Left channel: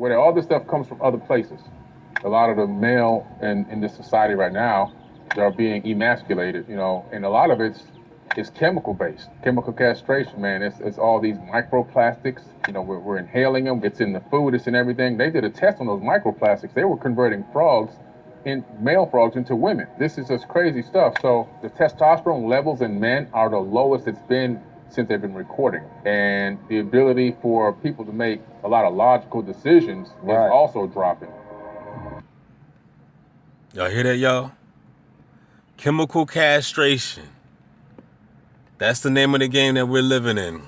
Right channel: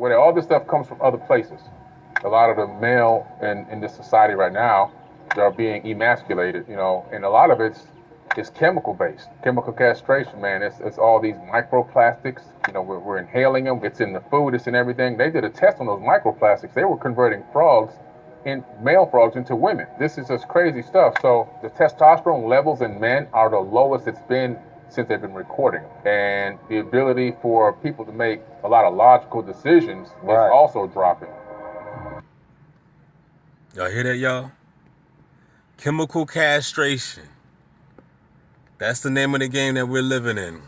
where all this stuff comes from other places. A lot of the male in this society right now, they're being emasculated, and a lot of it's chemical based, chemical castration, man. It's all these microplastics. We're inhaling them. It's in the food. It's in everything. They did a test on those microplastics. They were converting male frogs into women. This is just crazy stuff. So the testosterone levels in men are the lowest it's been since they've been recording. And the ability for people to make a lot of logical decisions is also dropping. Y'all hear that, y'all? Chemical castration. That's the name of the game that we're living in.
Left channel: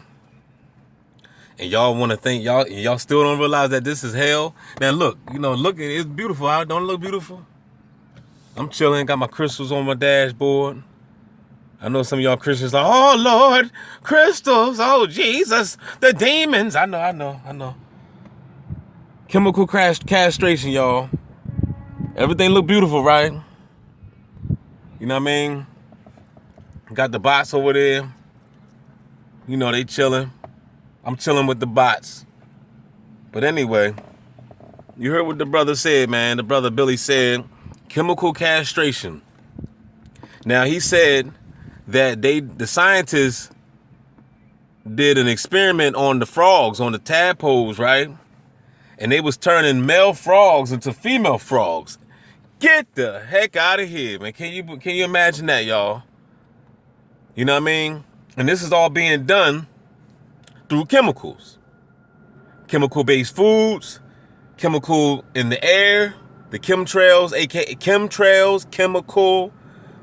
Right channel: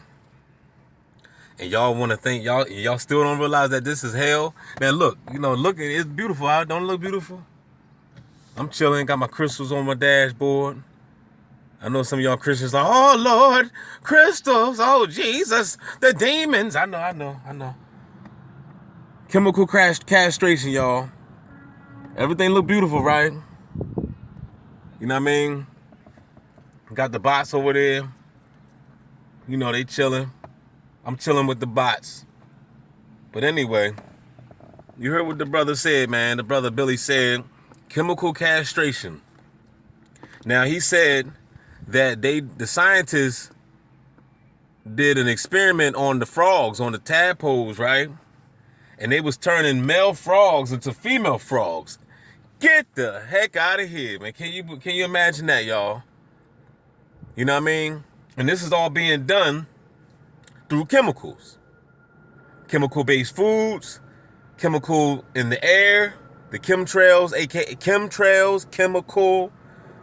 And y'all want to think, y'all still don't realize that this is hell? Now look, it's beautiful out. Don't it look beautiful? I'm chilling, got my crystals on my dashboard. I know some of y'all Christians are, oh Lord, crystals, oh Jesus, the demons. I know. Chemical castration, y'all. Everything look beautiful, right? You know what I mean? Got the bots over there. They chilling. I'm chilling with the bots. But anyway, you heard what the brother said, man. The brother Billy said, chemical castration. Now he said that the scientists did an experiment on the frogs, on the tadpoles, right? And they was turning male frogs into female frogs. Get the heck out of here, man. Can you imagine that, y'all? You know what I mean? And this is all being done through chemicals. Chemical-based foods, chemical in the air, the chemtrails, aka chemtrails, chemical.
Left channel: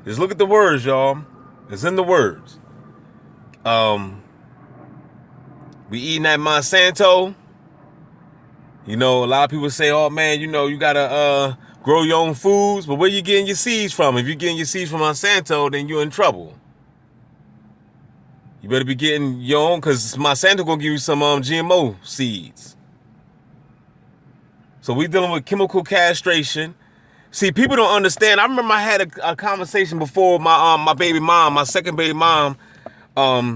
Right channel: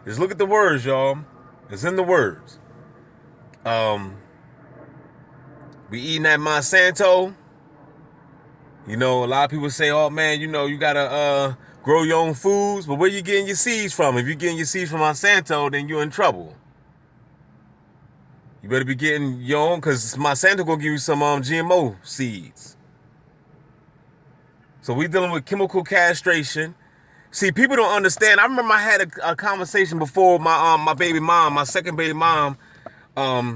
Just look at the words, y'all. It's in the words. We eating that Monsanto. A lot of people say, oh man, you gotta grow your own foods, but where you getting your seeds from? If you're getting your seeds from Monsanto, then you're in trouble. You better be getting your own, because Monsanto gonna give you some GMO seeds. So we dealing with chemical castration. See, people don't understand. I remember I had a conversation before with my baby mom, my second baby mom.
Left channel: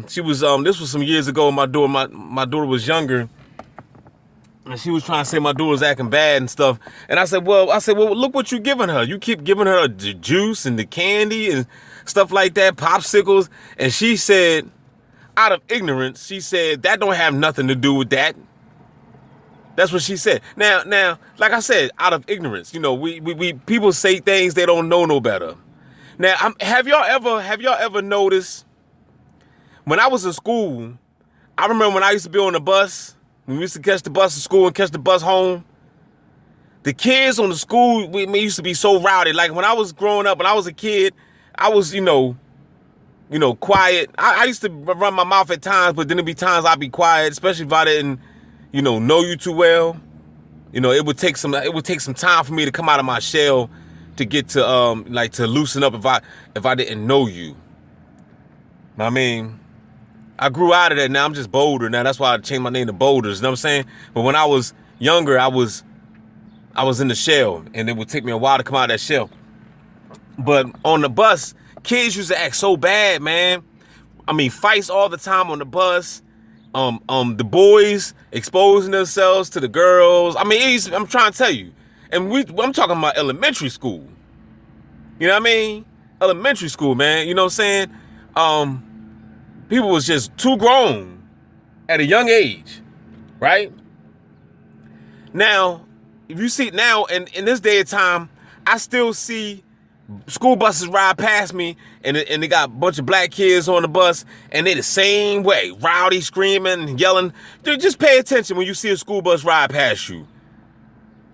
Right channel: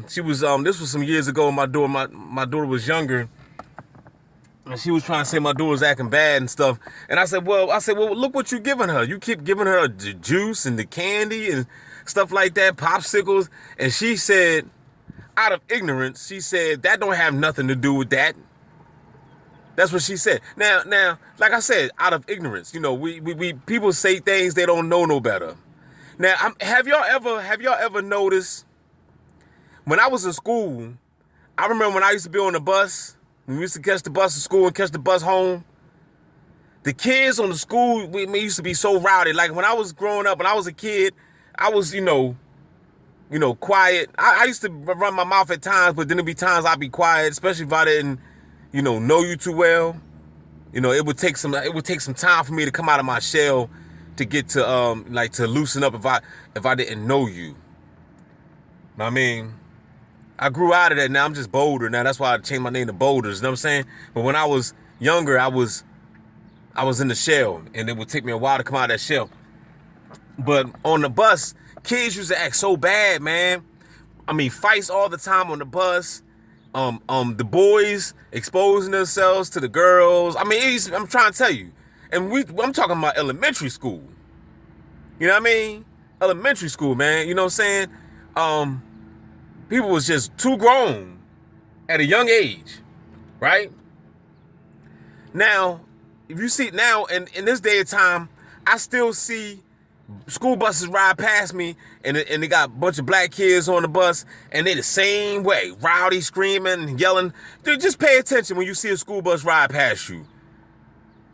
She was this was some years ago. My daughter was younger, and she was trying to say my daughter was acting bad and stuff. And I said, well, look what you're giving her. You keep giving her the juice and the candy and stuff like that, popsicles. And she said, out of ignorance, she said that don't have nothing to do with that. That's what she said. Now, like I said, out of ignorance, we people say things they don't know no better. Now, have y'all ever noticed when I was in school? I remember when I used to be on the bus. When we used to catch the bus to school and catch the bus home. The kids on the school, we used to be so rowdy. Like when I was growing up, when I was a kid, I was, quiet. I used to run my mouth at times, but then there'd be times I'd be quiet, especially if I didn't, know you too well. It would take some time for me to come out of my shell to get to to loosen up if I didn't know you. I mean, I grew out of that. Now I'm just bolder. Now that's why I changed my name to Boulders. You know what I'm saying? But when I was younger, I was in the shell, and it would take me a while to come out of that shell. But on the bus, kids used to act so bad, man. I mean, fights all the time on the bus. The boys exposing themselves to the girls. I mean, I'm trying to tell you. And I'm talking about elementary school. You know what I mean? Elementary school, man. You know what I'm saying? People was just too grown at a young age, right? Now, if you see now, in this day of time, I still see school buses ride past me, and they got a bunch of black kids on the bus, and they the same way, rowdy, screaming, yelling. Dude, just pay attention when you see a school bus ride past you.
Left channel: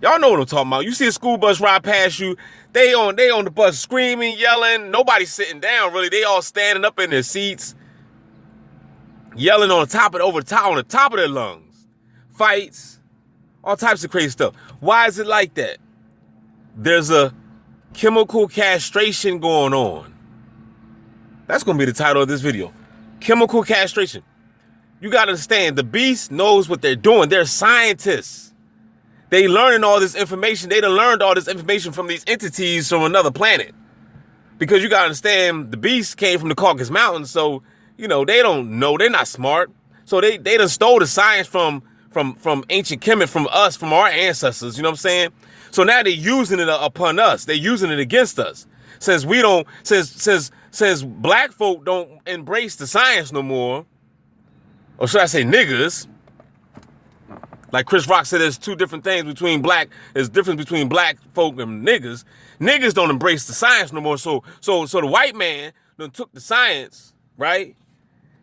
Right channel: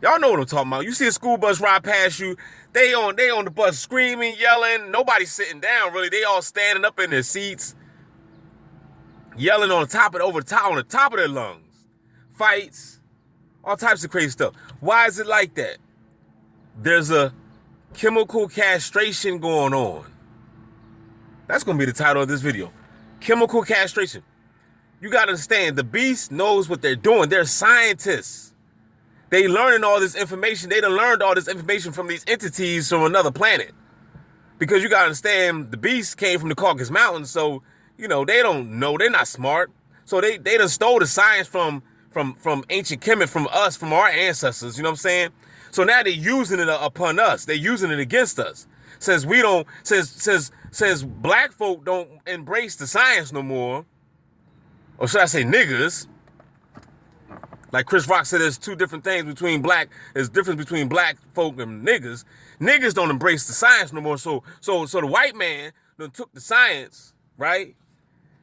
Y'all know what I'm talking about. You see a school bus ride past you, they on the bus screaming, yelling. Nobody's sitting down, really. They all standing up in their seats, yelling on the top of their lungs. Fights, all types of crazy stuff. Why is it like that? There's a chemical castration going on. That's going to be the title of this video. Chemical castration. You got to understand, the beast knows what they're doing. They're scientists. They learning all this information. They done learned all this information from these entities from another planet. Because you got to understand, the beast came from the Caucasus Mountains, so, they don't know. They're not smart. So they done stole the science from from ancient Kemet, from us, from our ancestors. You know what I'm saying? So now they're using it upon us. They're using it against us. Since we don't, since black folk don't embrace the science no more, or should I say niggas? Like Chris Rock said, there's two different things between black. There's difference between black folk and niggas. Niggas don't embrace the science no more. So the white man done took the science, right?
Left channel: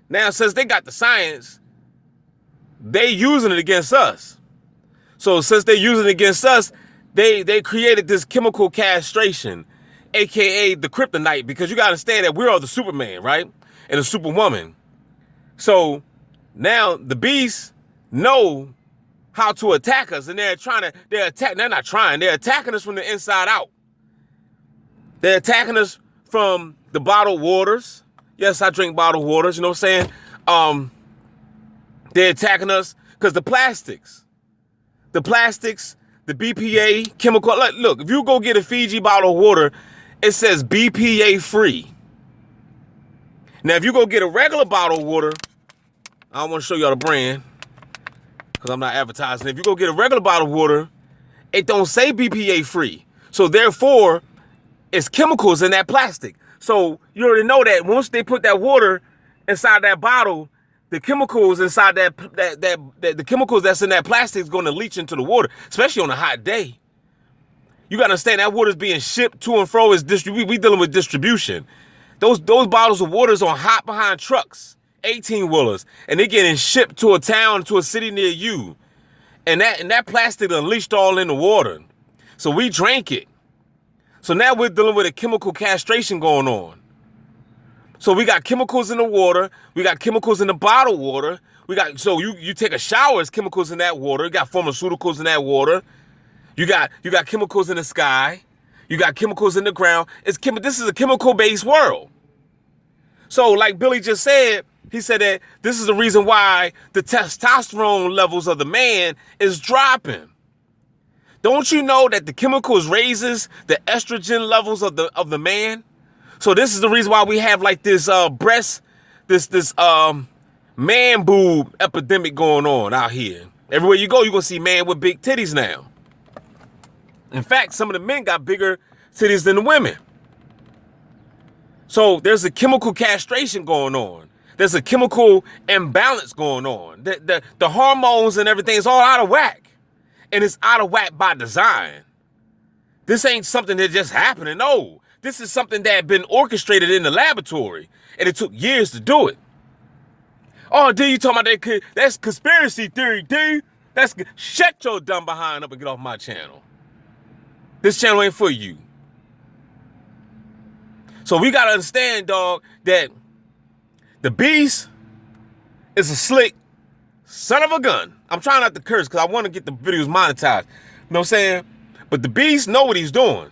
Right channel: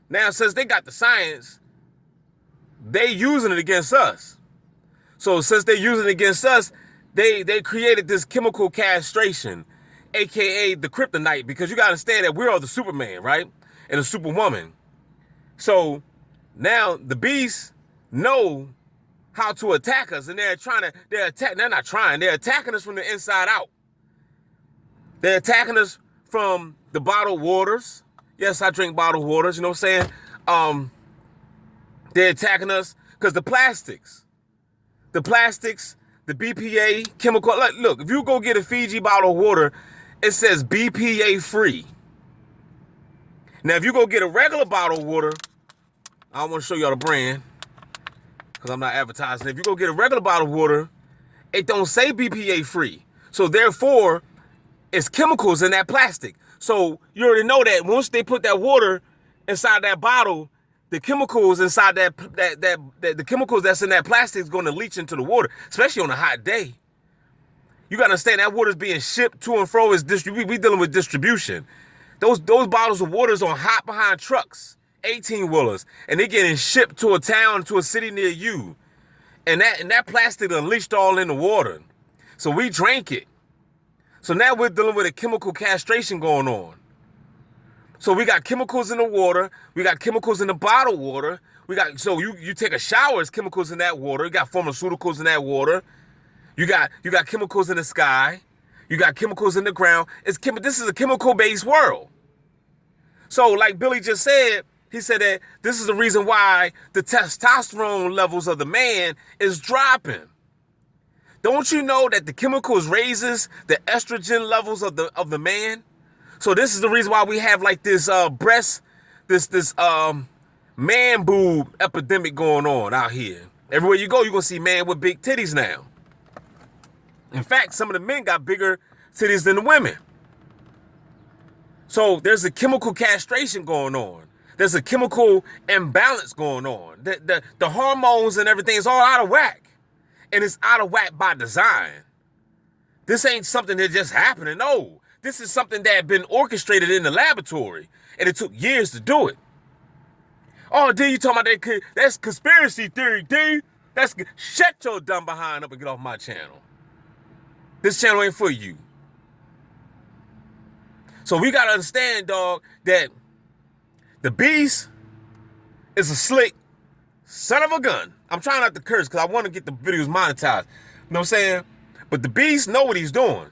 Now since they got the science, they using it against us. So since they using it against us, they created this chemical castration, aka the kryptonite, because you gotta understand that we are the Superman, right? And the Superwoman. So now the beasts know how to attack us, and they're attacking us from the inside out. They're attacking us from the bottled waters. Yes, I drink bottled waters, you know what I'm saying? They're attacking us because the plastics, the BPA chemical. Look, if you go get a Fiji bottle of water, it says BPA free. Now, if you go get a regular bottle of water, I don't want to show y'all the brand because I'm not advertising. If you go get a regular bottle of water, it don't say BPA free. So therefore, it's chemicals in that plastic. So you already know that once they put that water inside that bottle, the chemicals inside the chemicals that's in that plastic is going to leach into the water, especially on a hot day. You got to understand that water is being shipped to and fro. We dealing with distribution. Those bottles of water is on hot behind trucks, 18-wheelers, and they're getting shipped to a town, to a city near you. And that plastic unleashed all in the water. So we drank it. So now we're dealing with a chemical castration going on. So we got chemicals in the water. We got chemicals in the bottled water. So you take a shower, there's chemicals in that water. You got pharmaceuticals in that water. You got chemicals in the sky. You got chemicals in the ground. This is a chemical-based world. So like Billy just said, he said that this is the reason why the testosterone levels of the man is dropping. Don't you know that the chemicals raises the estrogen levels of the man? So this is the reason why we have like this man boob epidemic going on out here. Everywhere you go, you're gonna see man with big titties now. In fact, some of the men got bigger titties than the women. So there's a chemical castration going on. There's a chemical imbalance going on. The hormones and everything is all out of whack. And it's out of whack by design. This ain't something that just happened. No, this is something that had been orchestrated in the laboratory. And it took years to do it. Oh, D, you talking about that? That's conspiracy theory, D. Shut your dumb behind up and get off my channel. This channel ain't for you. So we got to understand, dog, that the beast is a slick son of a gun. I'm trying not to curse because I want to get the videos monetized. You know what I'm saying? But the beast know what he's doing.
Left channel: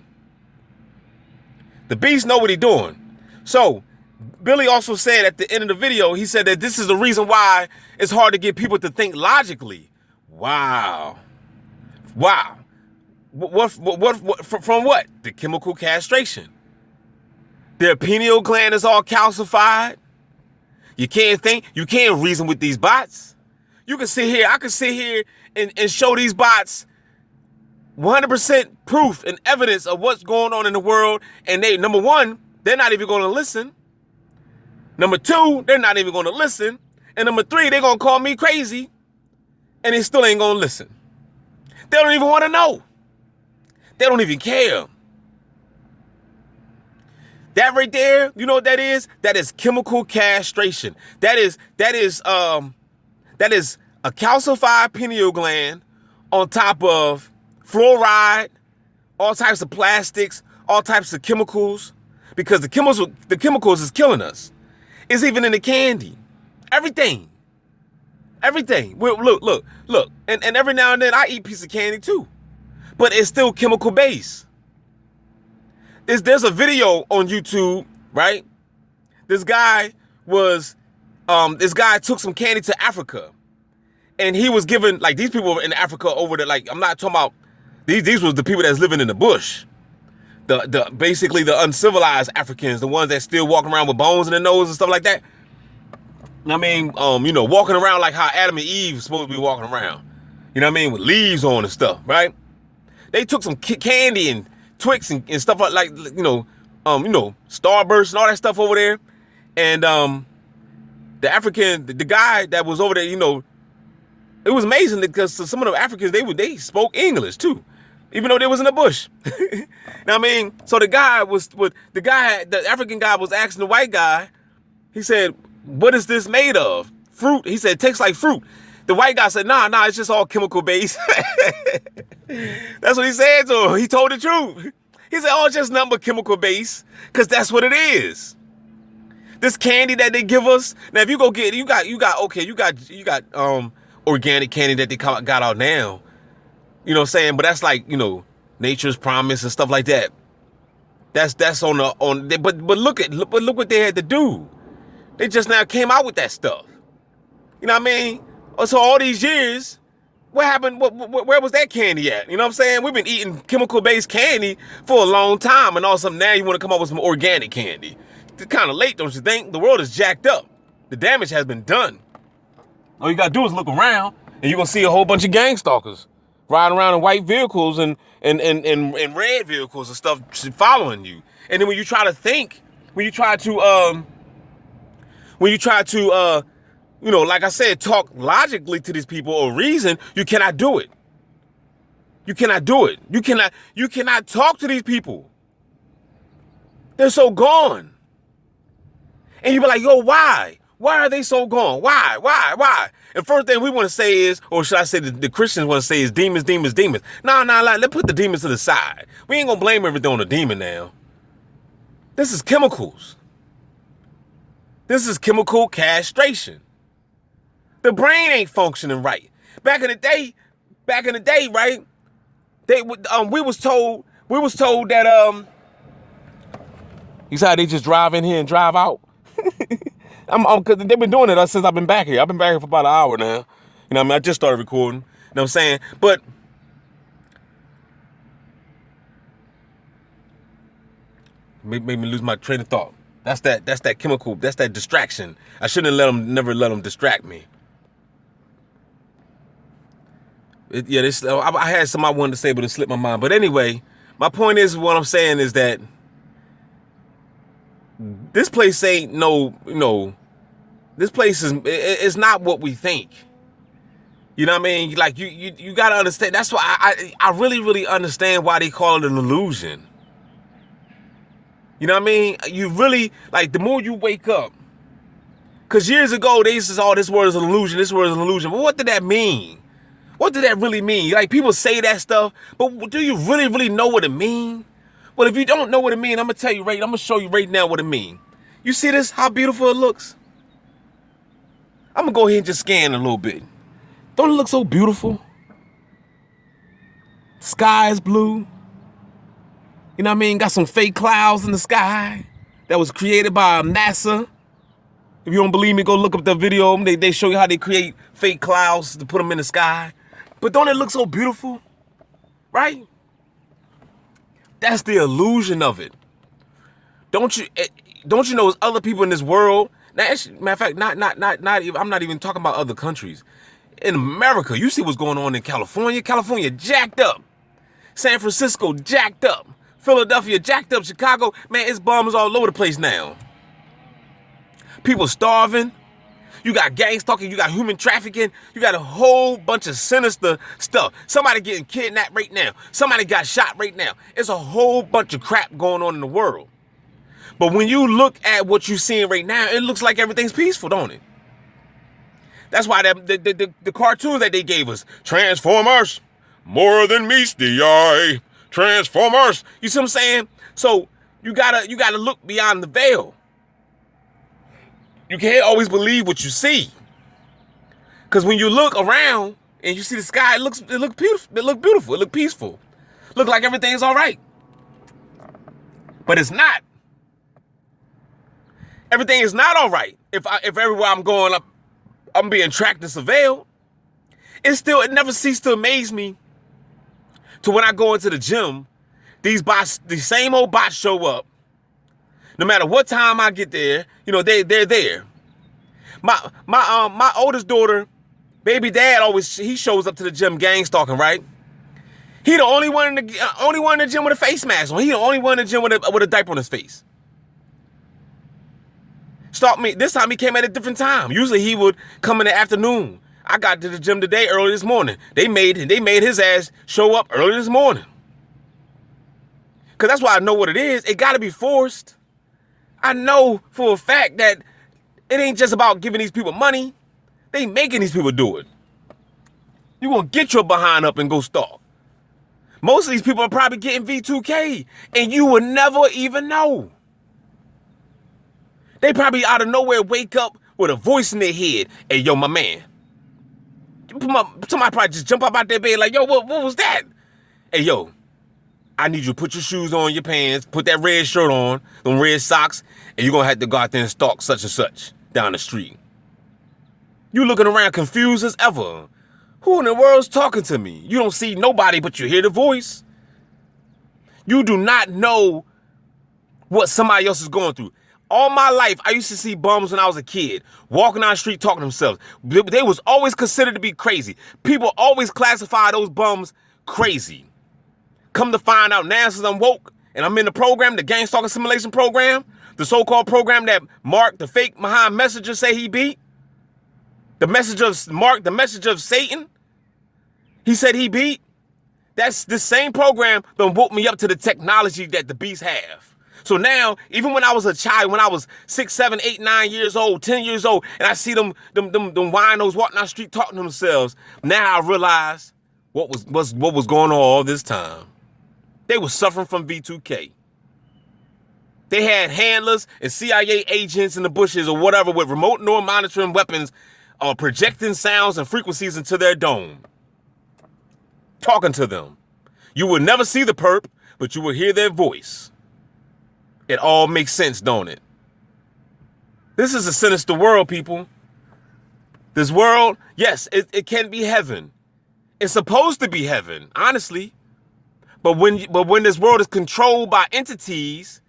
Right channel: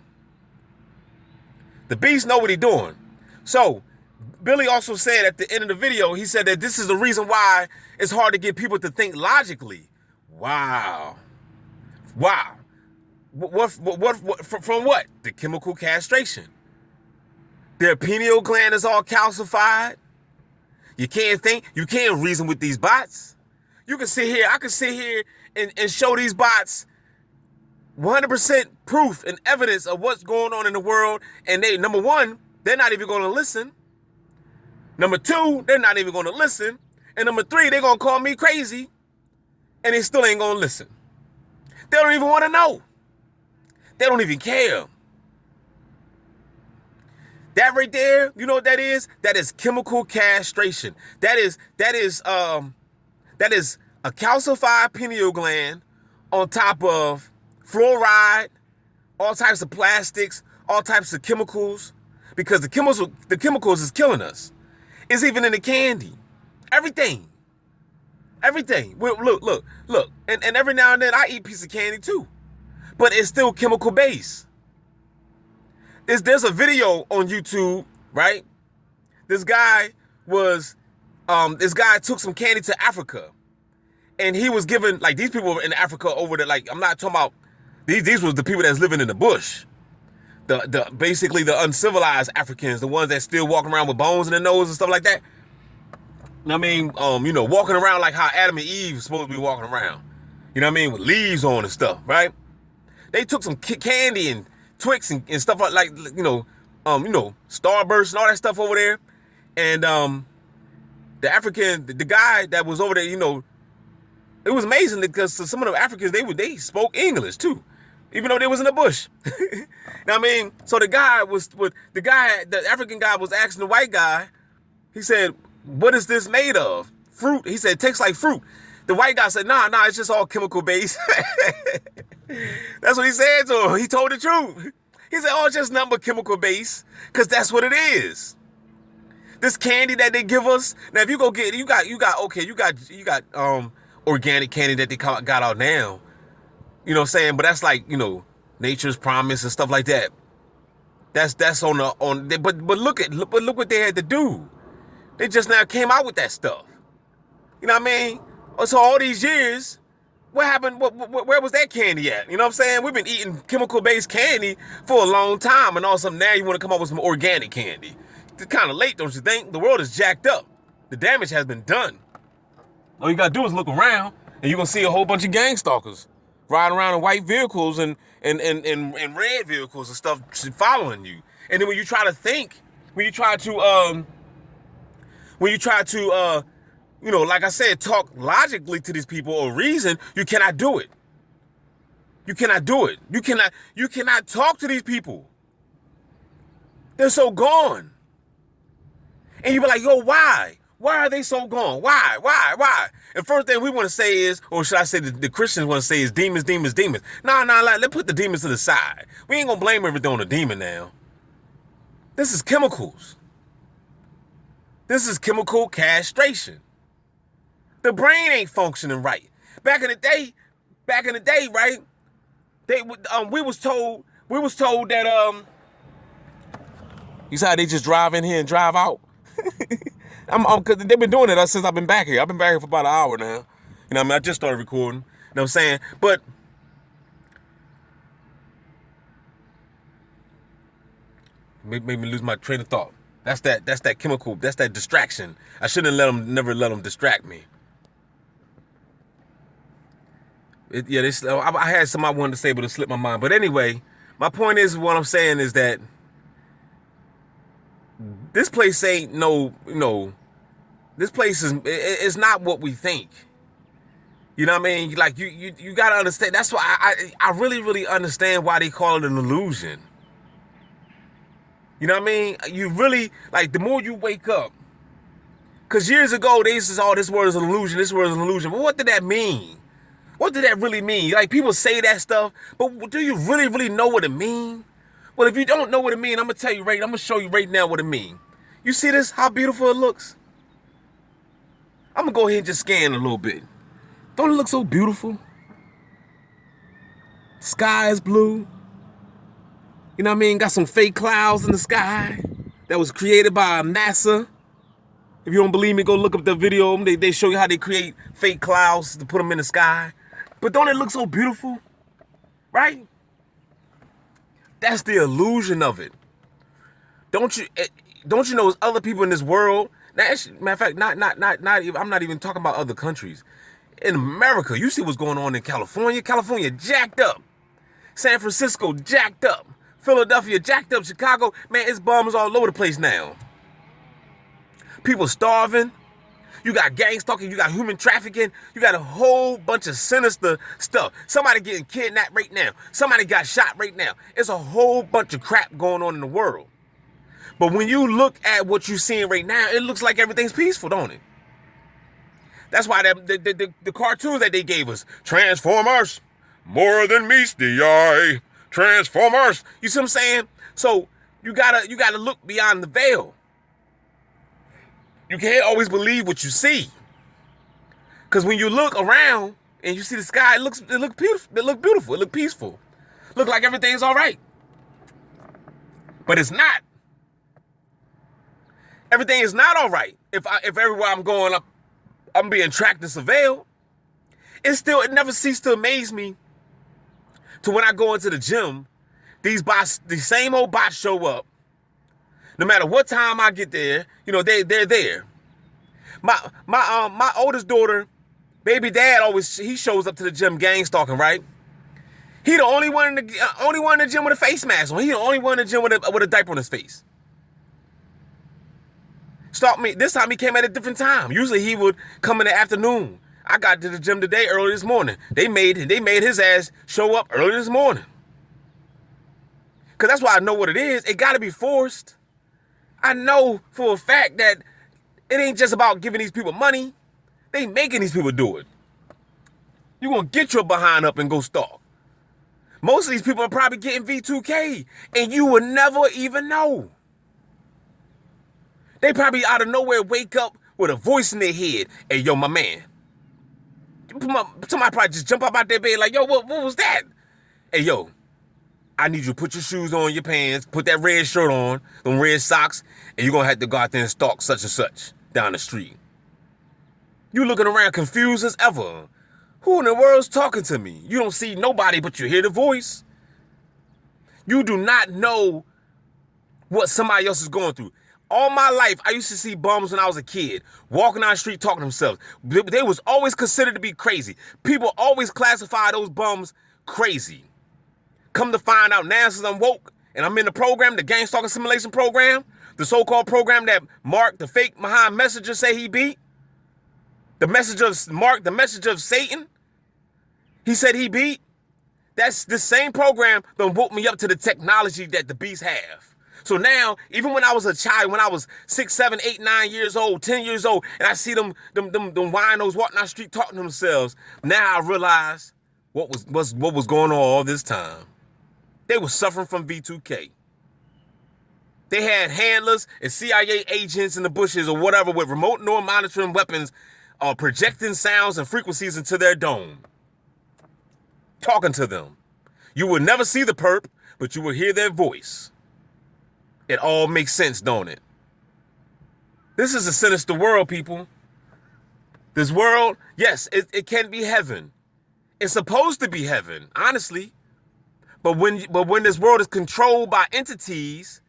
The beast know what he's doing. So Billy also said at the end of the video, he said that this is the reason why it's hard to get people to think logically. Wow. Wow. What from what? The chemical castration. Their pineal gland is all calcified. You can't think. You can't reason with these bots. You can sit here. I can sit here and show these bots 100% proof and evidence of what's going on in the world. And they, number one, they're not even going to listen. Number two, they're not even going to listen. And number three, they're going to call me crazy. And they still ain't going to listen. They don't even want to know. They don't even care. That right there, you know what that is? That is chemical castration. That is a calcified pineal gland on top of fluoride, all types of plastics, all types of chemicals, because the chemicals is killing us. It's even in the candy. Everything. Well, look. And every now and then I eat a piece of candy too. But it's still chemical based. There's a video on YouTube, right? This guy took some candy to Africa. And he was given, like, these people in Africa over there, like, I'm not talking about, these was the people that's living in the bush. Basically the uncivilized Africans, the ones that still walking around with bones in their nose and stuff like that. I mean, walking around like how Adam and Eve supposed to be walking around. You know what I mean? With leaves on and stuff, right? They took some candy and Twix and stuff like Starburst and all that stuff over there. And the African, the guy that was over there, it was amazing because some of the Africans they spoke English too, even though they was in the bush. Now I mean, so the African guy was asking the white guy. He said, "What is this made of? Fruit?" He said, "It tastes like fruit." The white guy said, "Nah, it's just all chemical based." That's what he said to him. He told the truth. He said, "Oh, it's just nothing but chemical based, because that's what it is." This candy that they give us. Now, if you go get, you got organic candy that they got out now. You know what I'm saying? But that's like, Nature's Promise and stuff like that. That's but look what they had to do. They just now came out with that stuff. You know what I mean? So all these years, what happened? Where was that candy at? You know what I'm saying? We've been eating chemical-based candy for a long time, and all of a sudden now you want to come up with some organic candy. It's kind of late, don't you think? The world is jacked up. The damage has been done. All you gotta do is look around, and you're gonna see a whole bunch of gang stalkers riding around in white vehicles and red vehicles and stuff following you. And then when you try to like I said, talk logically to these people or reason, you cannot do it. You cannot do it. You cannot talk to these people. They're so gone. And you be like, yo, why? Why are they so gone? Why? And first thing we want to say is, or should I say the Christians want to say is demons. Nah, let's put the demons to the side. We ain't gonna blame everything on the demon now. This is chemicals. This is chemical castration. The brain ain't functioning right. Back in the day, right? We was told that you see how they just drive in here and drive out. Cause they've been doing it since I've been back here. I've been back here for about an hour now. You know what I mean? I just started recording. You know what I'm saying? But made me lose my train of thought. That's that chemical. That's that distraction. I shouldn't have never let them distract me. I had something I wanted to say, but it slipped my mind. But anyway, my point is, what I'm saying is that this place ain't this place it's not what we think. You know what I mean? Like you gotta understand. That's why I really, really understand why they call it an illusion. You know what I mean? You really, like, the more you wake up, because years ago they said, "Oh, this word is an illusion, this word is an illusion." But what did that mean? What did that really mean? Like, people say that stuff, but do you really, really know what it means? Well, if you don't know what it means, I'm gonna show you right now what it means. You see this? How beautiful it looks? I'm gonna go ahead and just scan a little bit. Don't it look so beautiful? Sky is blue. You know what I mean? Got some fake clouds in the sky that was created by NASA. If you don't believe me, go look up the video. They show you how they create fake clouds to put them in the sky. But don't it look so beautiful? Right? That's the illusion of it. Don't you know there's other people in this world? Now, actually, matter of fact, not even, I'm not even talking about other countries. In America, you see what's going on in California. California jacked up. San Francisco jacked up. Philadelphia jacked up. Chicago, man, it's bums all over the place now. People starving. You got gang stalking. You got human trafficking. You got a whole bunch of sinister stuff. Somebody getting kidnapped right now. Somebody got shot right now. It's a whole bunch of crap going on in the world. But when you look at what you're seeing right now, it looks like everything's peaceful, don't it? That's why the cartoons that they gave us, Transformers, more than meets the eye. Transformers. You see what I'm saying? So you gotta look beyond the veil. You can't always believe what you see. Because when you look around and you see the sky, it looks beautiful. It look peaceful. Look like everything's all right. But it's not. Everything is not all right. If everywhere I'm going up, I'm being tracked and surveilled. It never ceased to amaze me to when I go into the gym, these same old bots show up. No matter what time I get there, they're there. My oldest daughter Baby dad he shows up to the gym gang stalking, right? He the only one in the gym with a face mask on. He the only one in the gym with a diaper on his face. Stalked me. This time he came at a different time. Usually he would come in the afternoon. I got to the gym today early this morning. They made his ass show up early this morning. Cause that's why I know what it is. It gotta be forced. I know for a fact that it ain't just about giving these people money. They making these people do it. You gonna get your behind up and go stalk. Most of these people are probably getting V2K and you would never even know. They probably out of nowhere wake up with a voice in their head. Hey, yo, my man. Somebody probably just jump up out their bed like, yo, what was that? Hey, yo, I need you to put your shoes on, your pants, put that red shirt on, them red socks, and you're going to have to go out there and stalk such and such down the street. You looking around confused as ever. Who in the world's talking to me? You don't see nobody, but you hear the voice. You do not know what somebody else is going through. All my life, I used to see bums when I was a kid, walking down the street talking to themselves. They was always considered to be crazy. People always classify those bums crazy. Come to find out now since I'm woke and I'm in the program, the gang stalking simulation program, the so-called program that Mark, the fake Muhammad messenger, say he beat. The message of Mark, the message of Satan, he said he beat. That's the same program that woke me up to the technology that the beasts have. So now, even when I was a child, when I was 6, 7, 8, 9 years old, 10 years old, and I see them winos walking down the street talking to themselves, now I realize what was going on all this time. They were suffering from V2K. They had handlers and CIA agents in the bushes or whatever with remote neural monitoring weapons projecting sounds and frequencies into their dome. Talking to them. You would never see the perp, but you will hear their voice. It all makes sense, don't it? This is a sinister world, people. This world, yes, it can be heaven. It's supposed to be heaven, honestly. But when this world is controlled by entities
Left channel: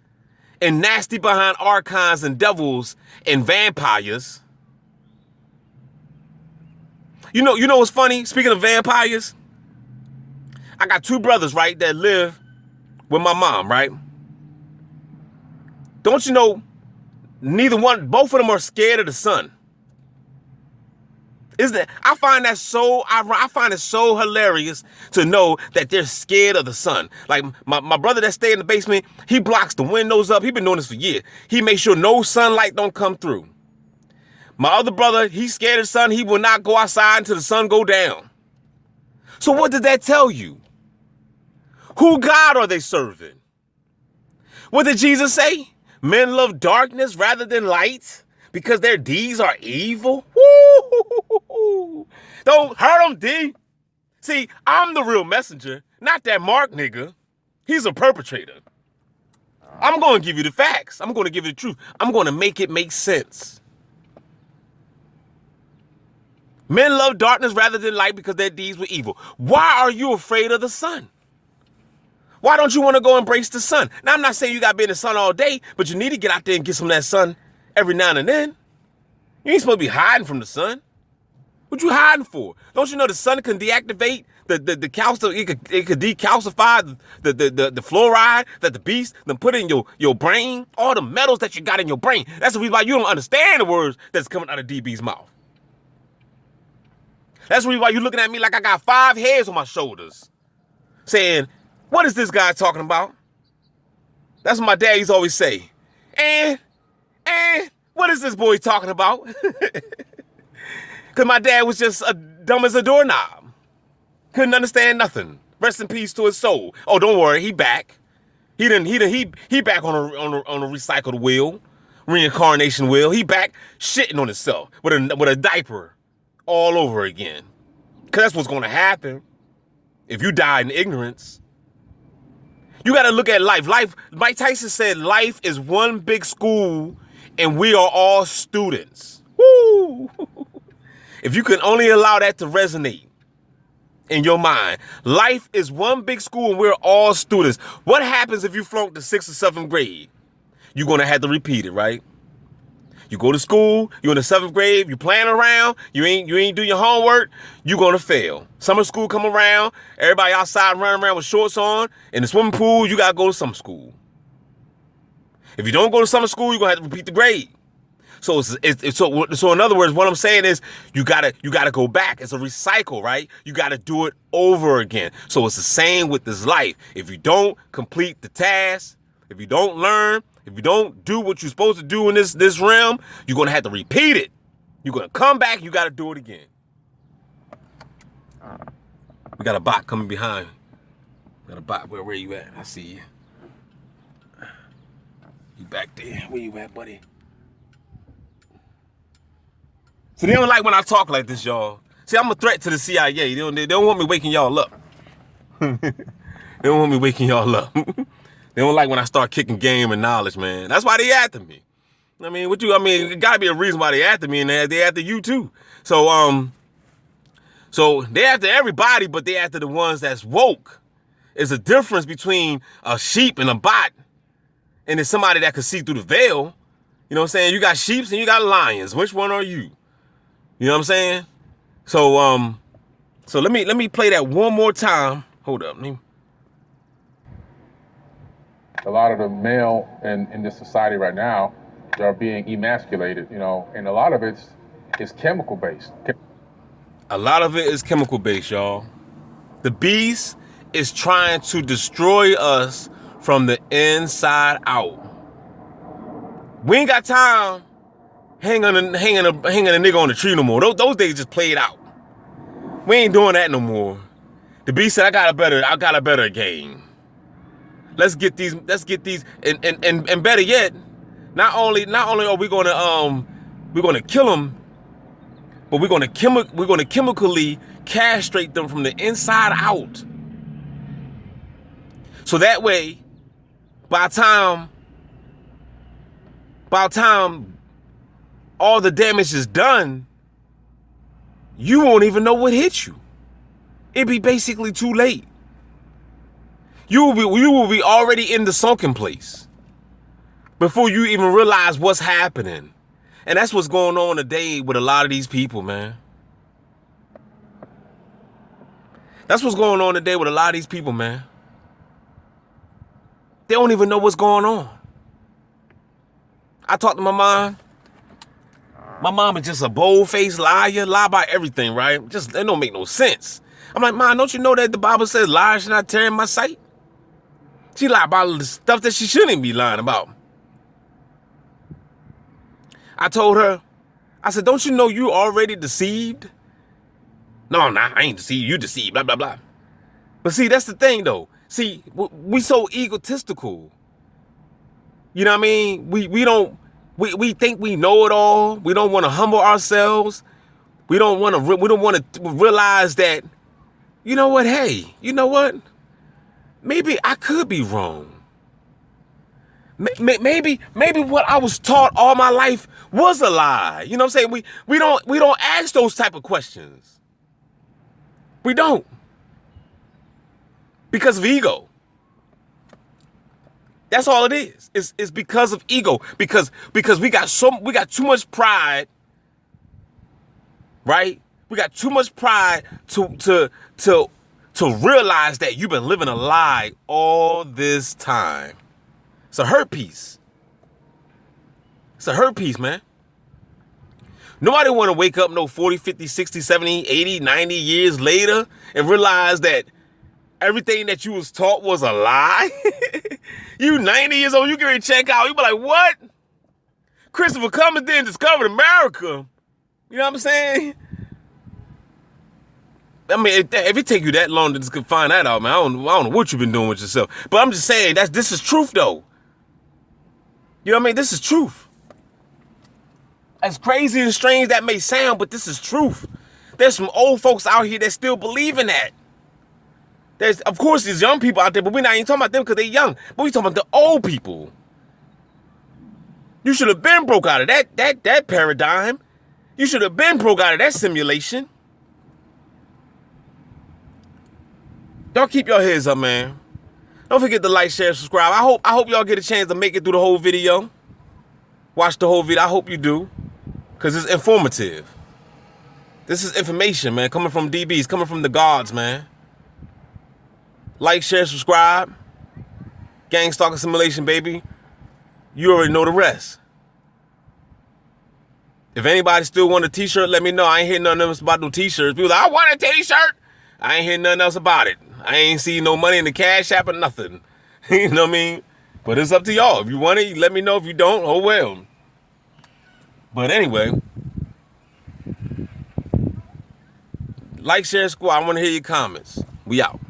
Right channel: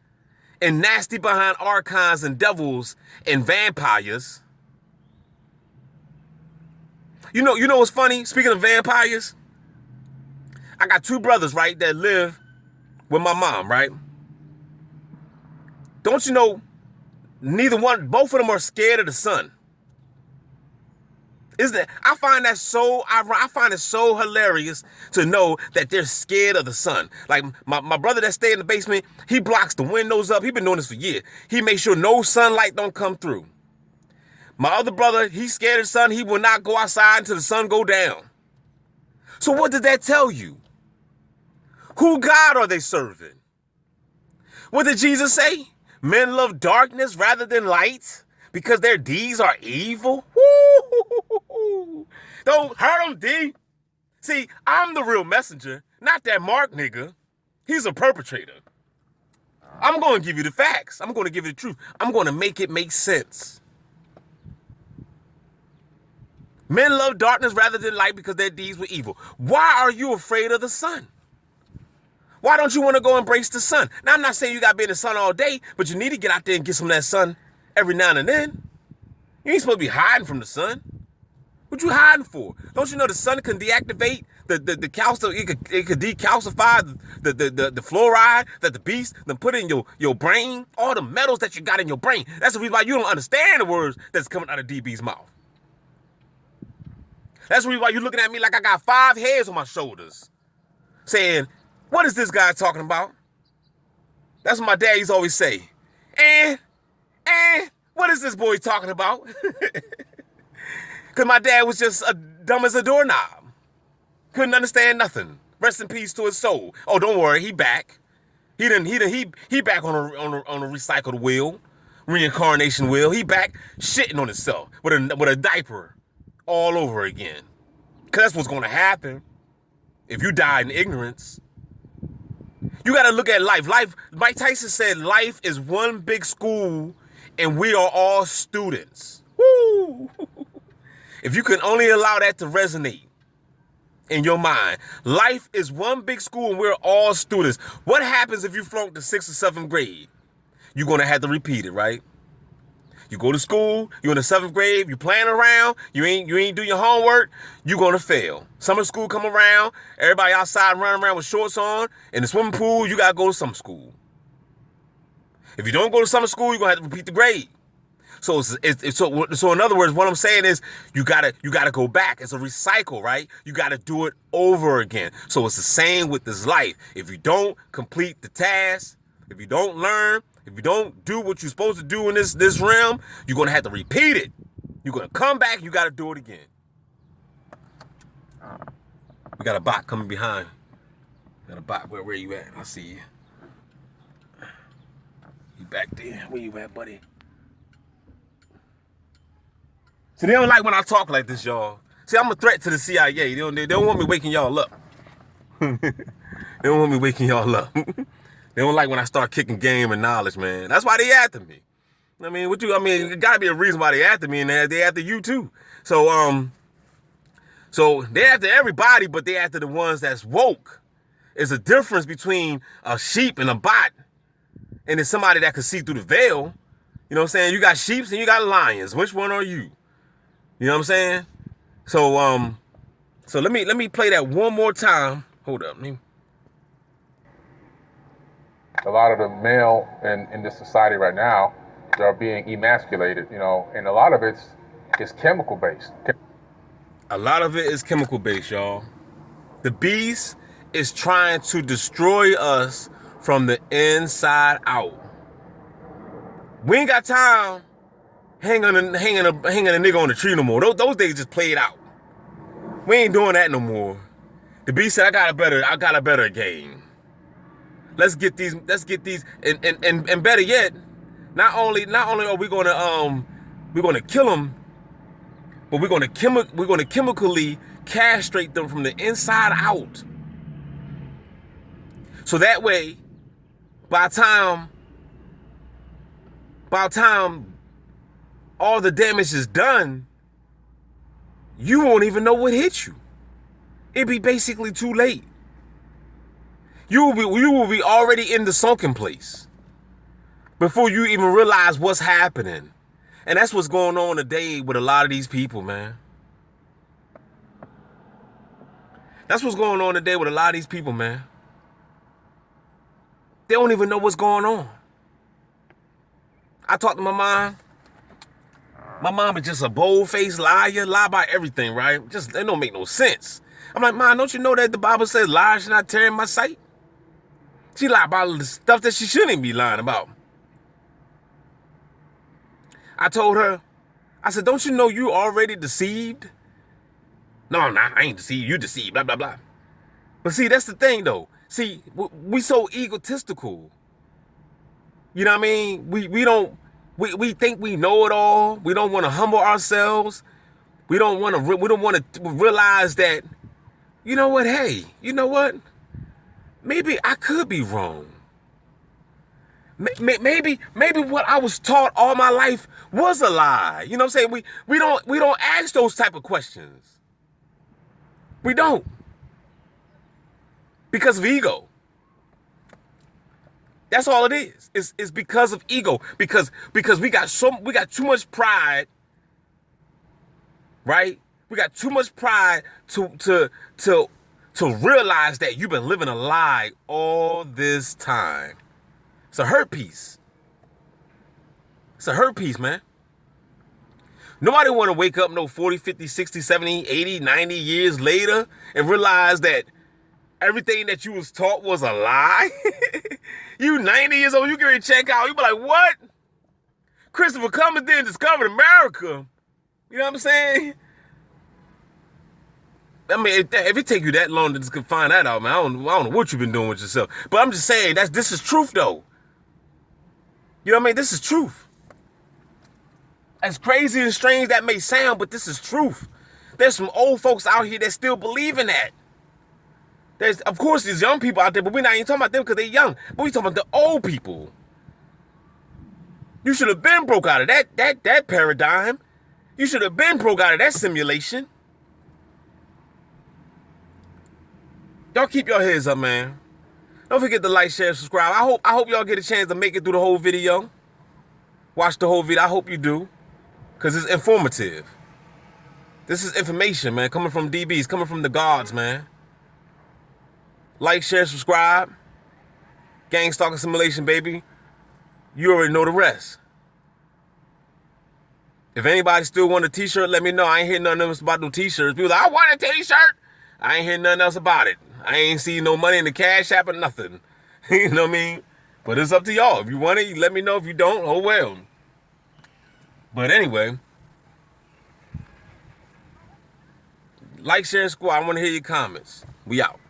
and nasty behind archons and devils and vampires. You know what's funny? Speaking of vampires, I got 2 brothers, right, that live with my mom, right? Don't you know, both of them are scared of the sun. I find it so hilarious to know that they're scared of the sun. Like my brother that stay in the basement, he blocks the windows up. He's been doing this for years. He makes sure no sunlight don't come through. My other brother, he's scared of the sun. He will not go outside until the sun go down. So what did that tell you? Who God are they serving? What did Jesus say? Men love darkness rather than light because their deeds are evil. Woo! Don't hurt them, D. See, I'm the real messenger, not that Mark nigga. He's a perpetrator. I'm going to give you the facts. I'm going to give you the truth. I'm going to make it make sense. Men love darkness rather than light because their deeds were evil. Why are you afraid of the sun? Why don't you want to go embrace the sun? Now, I'm not saying you got to be in the sun all day, but you need to get out there and get some of that sun every now and then. You ain't supposed to be hiding from the sun. What you hiding for? Don't you know the sun can deactivate the calcium? It could decalcify the fluoride that the beast then put in your brain. All the metals that you got in your brain. That's the reason why you don't understand the words that's coming out of DB's mouth. That's the reason why you're looking at me like I got 5 hairs on my shoulders, saying, what is this guy talking about? That's what my daddies always say. And what is this boy talking about? Because my dad was just dumb as a doorknob. Couldn't understand nothing. Rest in peace to his soul. Oh, don't worry, he back. He back on a recycled wheel, reincarnation wheel. He back shitting on himself with a diaper all over again. Because that's what's going to happen if you die in ignorance. You got to look at life. Mike Tyson said life is one big school and we are all students. Woo! If you can only allow that to resonate in your mind. Life is one big school and we're all students. What happens if you flunk the 6th or 7th grade? You're going to have to repeat it, right? You go to school, you're in the 7th grade, you playing around, you ain't do your homework, you're gonna fail. Summer school come around, everybody outside running around with shorts on. In the swimming pool, you gotta go to summer school. If you don't go to summer school, you're gonna have to repeat the grade. So so in other words, what I'm saying is you gotta go back. It's a recycle, right? You gotta do it over again. So it's the same with this life. If you don't complete the task, if you don't learn, if you don't do what you're supposed to do in this realm, you're gonna have to repeat it. You're gonna come back, you gotta do it again. We got a bot coming behind. We got a bot. Where you at? I see you. You back there. Where you at, buddy? So they don't like when I talk like this, y'all. See, I'm a threat to the CIA. They don't want me waking y'all up. They don't want me waking y'all up. They don't like when I start kicking game and knowledge, man. That's why they after me. I mean, it gotta be a reason why they after me, and they after you too. So they after everybody, but they after the ones that's woke. There's a difference between a sheep and a bot, and it's somebody that can see through the veil. You know what I'm saying? You got sheeps and you got lions. Which one are you? You know what I'm saying? So so let me play that one more time. Hold up. A lot of the male in this society right now, they're being emasculated, you know, and a lot of it's chemical based. A lot of it is chemical based, y'all. The beast is trying to destroy us from the inside out. We ain't got time hanging a nigga on the tree no more. Those days just played out. We ain't doing that no more. The beast said, I got a better game. Let's get these and better yet, not only are we gonna kill them, but we're gonna chemically castrate them from the inside out. So that way, by the time all the damage is done, you won't even know what hit you. It'd be basically too late. You will be already in the sunken place before you even realize what's happening. And that's what's going on today with a lot of these people, man. That's what's going on today with a lot of these people, man. They don't even know what's going on. I talked to my mom. My mom is just a bold-faced liar, lie about everything, right? Just, it don't make no sense. I'm like, Mom, don't you know that the Bible says lies should not tear in my sight? She lied about the stuff that she shouldn't be lying about. I told her, I said, don't you know you already deceived? No, I'm not. I ain't deceived. You deceived, blah, blah, blah. But see, that's the thing, though. See, we so egotistical. You know what I mean? We think we know it all. We don't want to humble ourselves. We don't want to realize that, you know what? Hey, you know what? Maybe I could be wrong. Maybe what I was taught all my life was a lie. You know what I'm saying? We don't ask those type of questions. We don't. Because of ego. That's all it is. It's because of ego. Because we got too much pride, right? We got too much pride to realize that you've been living a lie all this time. It's a hurt piece. It's a hurt piece, man. Nobody want to wake up no 40, 50, 60, 70, 80, 90 years later and realize that everything that you was taught was a lie. You 90 years old, you get ready to check out. You be like, what? Christopher Columbus didn't discover America. You know what I'm saying? I mean, if it take you that long to just find that out, man, I don't know what you've been doing with yourself. But I'm just saying, this is truth, though. You know what I mean? This is truth. As crazy and strange that may sound, but this is truth. There's some old folks out here that still believe in that. There's, of course, there's young people out there, but we're not even talking about them because they're young. But we're talking about the old people. You should have been broke out of that paradigm. You should have been broke out of that simulation. Y'all keep your heads up, man. Don't forget to like, share, subscribe. I hope y'all get a chance to make it through the whole video. Watch the whole video. I hope you do, because it's informative. This is information, man, coming from DBs, coming from the gods, man. Like, share, subscribe. Gang stalking simulation, baby. You already know the rest. If anybody still want a t-shirt, let me know. I ain't hearing nothing else about no t-shirts. People like, I want a t-shirt. I ain't hearing nothing else about it. I ain't see no money in the cash app or nothing. You know what I mean? But it's up to y'all. If you want it, let me know. If you don't, oh well. But anyway, like, share, squad. I want to hear your comments. We out.